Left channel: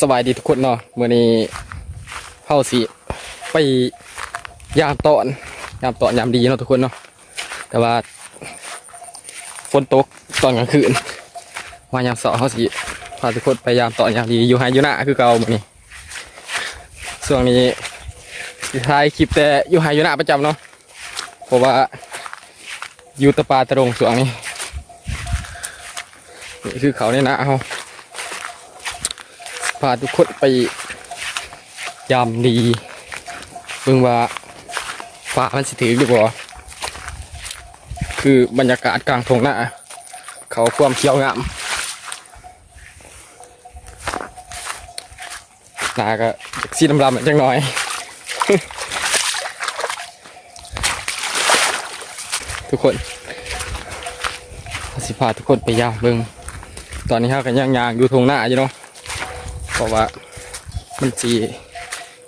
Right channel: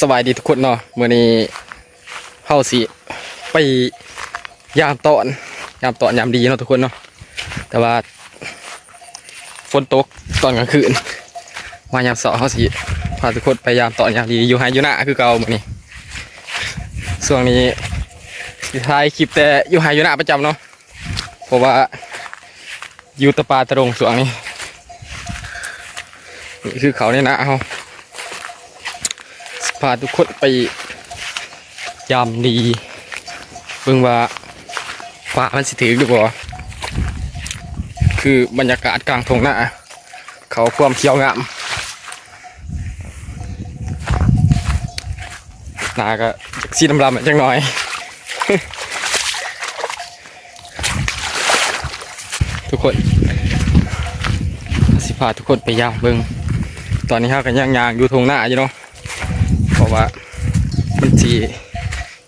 สบายดีทุกคนเนาะเมื่อนี้เฮาสิไปยามตอนยามตอนยามดีเนาะทุกคนเนาะแต่ว่าฝนตกตอนกลางคืนมายามสาร์เฮาสิพาทุกคนไปยามตอนยามดีอยู่ไฮอยู่หน้าคือเก่ามื่อนี้ช่วงนี้สิถ่ายคลิปแต่อยู่ไฮอยู่หน้าประจำเนาะเพราะว่าอยู่ตะปาตะรงช่วงนี้นี่คือเขาในหน้าเฮา พาทุกคนไปยามดีเบิ่งว่าฟ้ามันสิถือหรือบ่คือบรรยากาศกลางทงหน้า เขาความเขียวงามนาก็จากสีดำๆจังหน่อยทุกคน สิพาทุกคนไปยามเบิ่งตอนนี้เรากันย่างๆอยู่ทงหน้าอยู่เนาะ เพราะว่ามันจี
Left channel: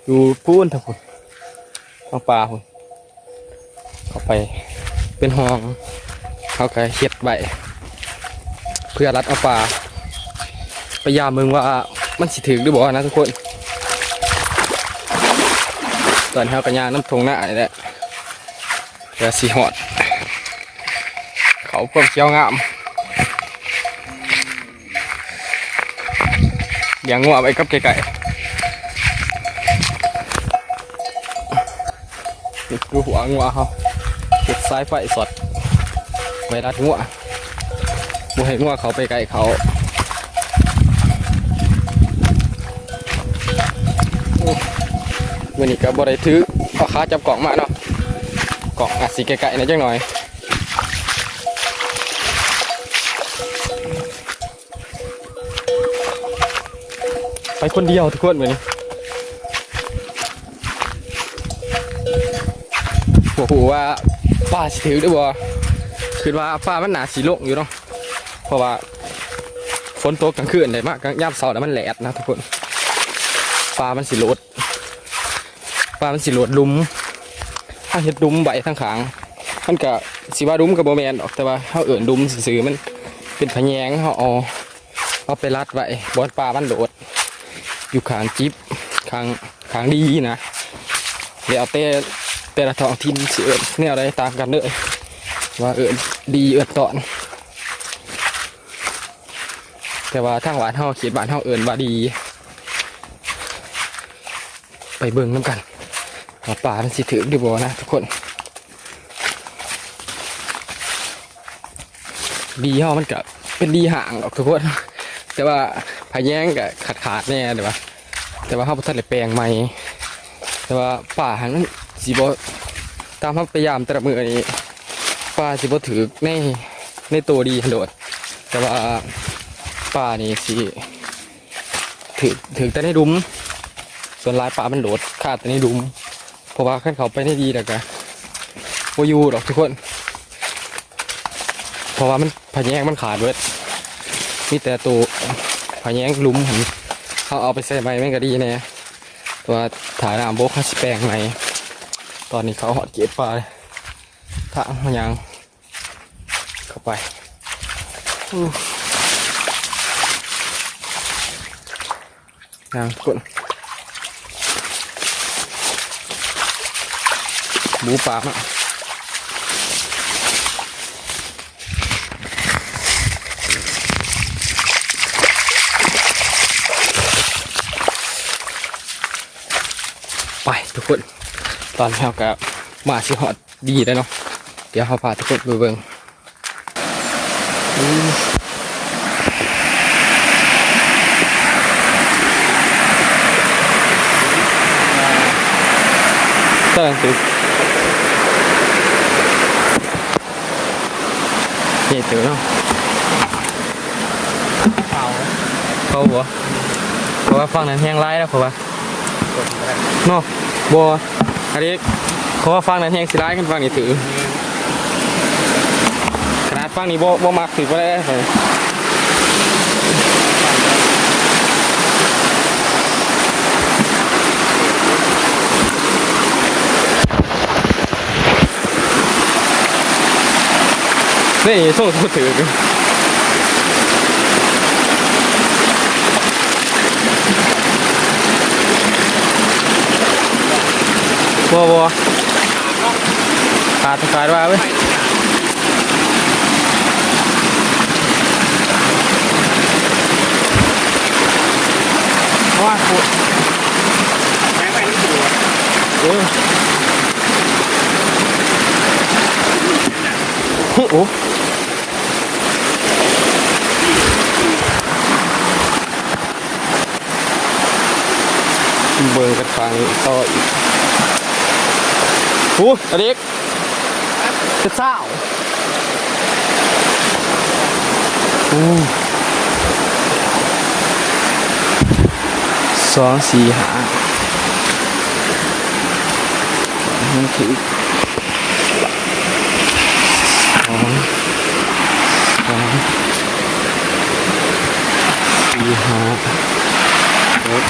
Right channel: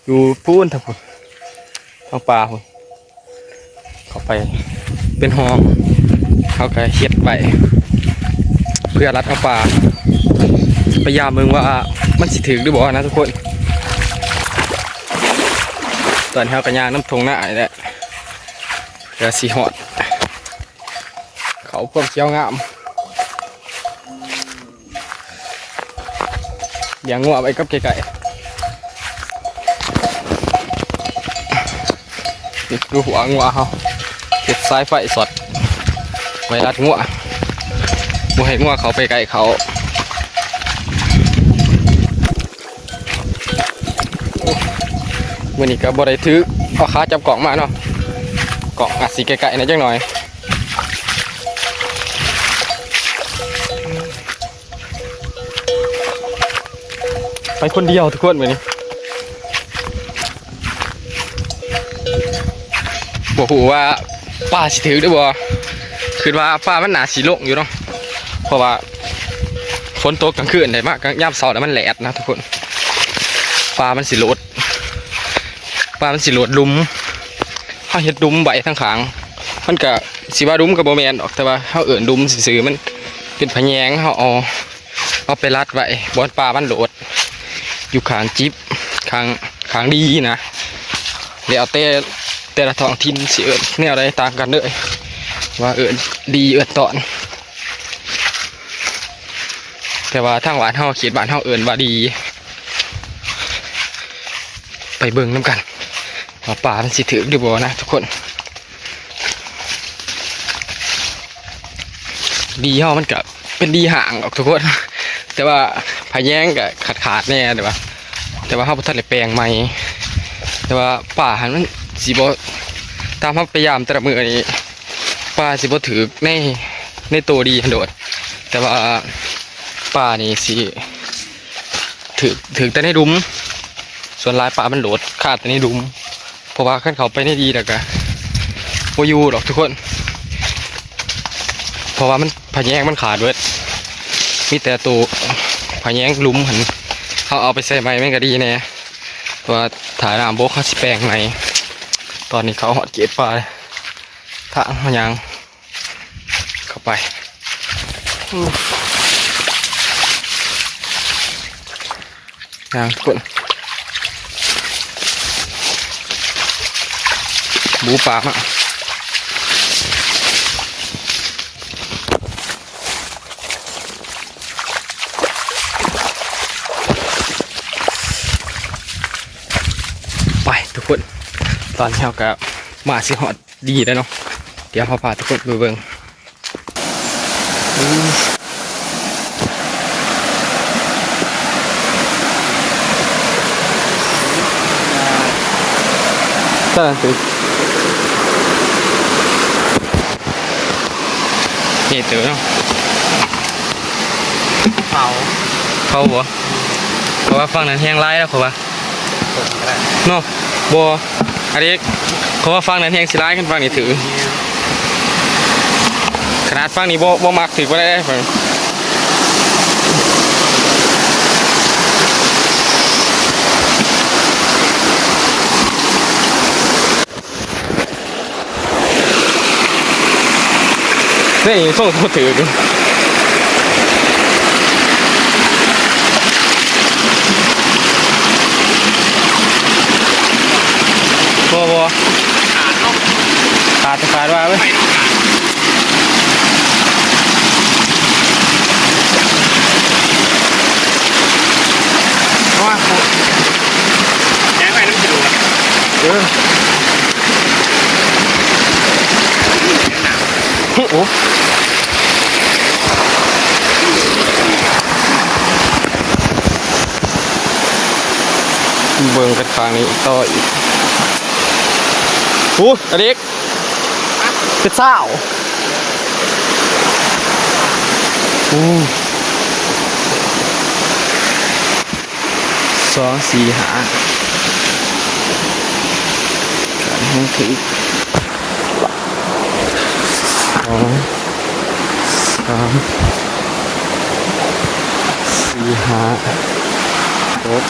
อยู่พูนทั้งพุ่นทางป่าพุ่นเข้าไปเป็นห้องเขาก็เฮ็ดไว้เพื่อรัดเอาป่าพยายามเมืองว่ามันสิถึงหรือบ่นะทุกคน ตอนเขากระยางน้ำทงหน้านี่แหละเพื่อสีหอด เขาเพิ่มเสียวงาม เลี้ยงงัวไว้กับไก่ๆนี่ดูหัวงัวเขาเก็บสายไฟสดไวรัดงัวบ่ให้งัวเขาไปไกลเขาโอ้มื่อนี้ก็บ่ได้ถือเอาขาจับกล่องมาเนาะกล่องอาจสีไกลๆนะจังหน่อย ไปคนเดียวทุกคนเหมือนนี้บอกหูว่าป้าสิถือได้บ่คือว่าป้ามันหนาสีโลงอยู่เนาะ เพราะว่าฝนตกกลางคืนได้มากกลางยามเสาร์แล้วมันแหลดนะทุกคนปลามันสิโหลดปลามันสิโหลดลุมถ้าเห็ดดุมใบทั้งขาง มันก็สิว่าดุมกับโบแมนออกแต่ว่าเขาเอิ่นดุมซื่อมันเป็นพะแยงเขาเอาเอาไปรัดไว้บอนปลามันโหลด อยู่ขางจิ๊บขางขางดีนะเดี๋ยวแต่แต่ละท้องถิ่นสิเอิญแนวใดต่างกันเลยว่าเอิญดีเอิญตอน แต่ว่าทางหวานเฮาเขียนบ้านเฮาเอิญว่าดี ไปเบิ่งน้ำกันว่าป่ามันสิถือหรือบ่นะทุกคนดีเฮามันก็เป็นดีห่างออกทุกคน แต่ว่าพายแย้งก็ขาดขาดแน่แต่ว่า แต่ว่าเขาบ่ทันได้แปลงใหม่แต่ว่าป่าหันมันสิบ่ตามเขาพยายามแต่ละมือนี้ป่าสิบ่ถือในในตัวดีโดด แต่ว่าป่านี่สิถือถือแต่ในดุม ส่วนลายป่ามันโหลดขาดแต่ในดุมเพราะว่าขั้นเขาไปในดีแล้วก็บ่อยู่ดอกทุกคน เพราะว่ามันพะแยงมันขาดเบิด มีแต่ตัวพะแยงลุมหันเขาเอาไปใส่ไม้แม่งก็ดีแน่ตัวถ่ายน้ำโบกเขาสิแปลงไหนตอนนี้เขาหอดเกตปลาทางเขายังเข้าไปยังทุกคนบูปลามา ทุกคน ตอนนี้เราก็มาชิฮอดดีแล้วเนาะเดี๋ยวเขาพาทุกคนไปเบิ่งอืมตอนตึกนี่เจอเนาะเผาเขาบ่เพราะว่าฝั่งนั้นแห้งไล่แล้วเพราะว่าผมก็ได้เนาะ บัวอันนี้เขาว่าฟังนั้นแหงสิร้ายขึ้นฟังนี่ถือ ขนาดฟังนี่บ่บ่มักถือก็ได้นี่โซ่โซ่ถือ บัวบัวขาดเนาะขาดว่าเว้ยไปขาว่าโคตรแจ้งไปน้ำจืดเออโอ้เบิ่งกันข้างนี้ต่ออีก โอ้ตะเด็กเป็นสาวโอ้สองสี่หาห้องคือสองสามสี่ห้าหก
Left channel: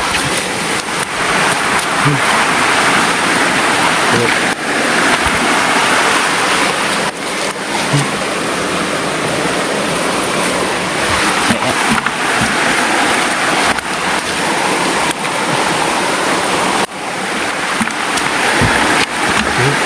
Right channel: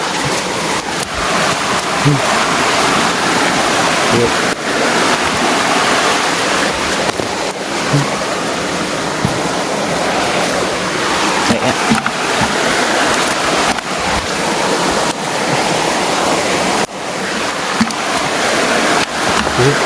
เจ็ เจ็ด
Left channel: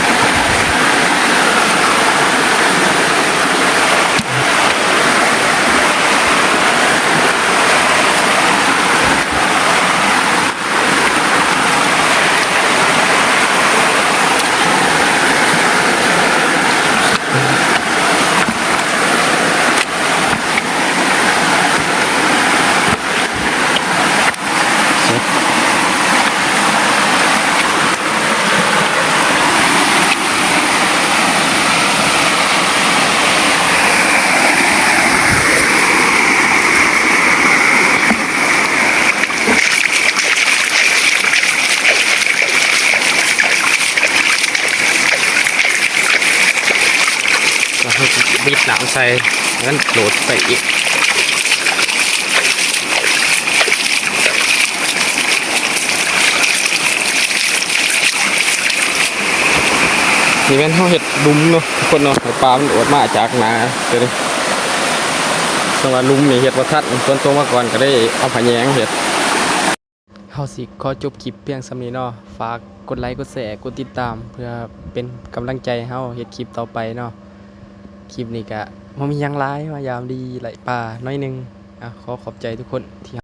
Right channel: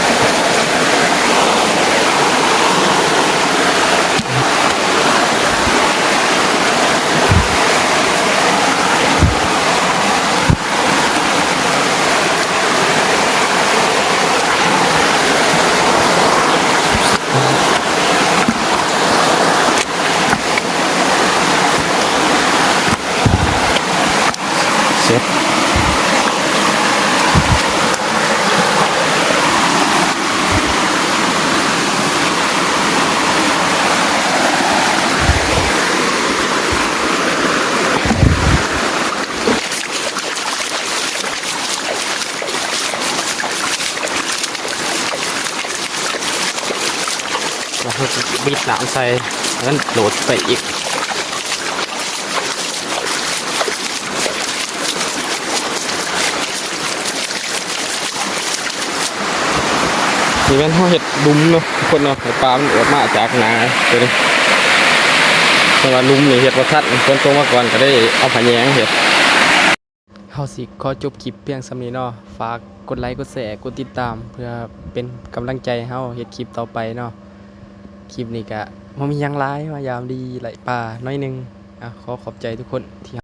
บีบน้ำใส่แล้วโหลดไปอีกนี่เป็นห้องเห็ดดุมเนาะทุกคนเนาะให้ปลามันอดมาจากนาเดี๋ยวนี้จังหวะลุมนี่เห็ดประทัดคนตรงมาก่อนก็ได้เอาผาแยงเห็ดเฮาสิขอจบคลิปเพียงสำนีเนาะฝากกดไลค์กดแชร์กดติดตาม เพื่อเป็นกำลังใจให้เฮาเฮ็ดคลิปต่อไปเนาะ คลิปนี้ก็มันมียังหลายมายามดีไหลป่าน้อยหนึงอะขอขอบใจทุกคนที่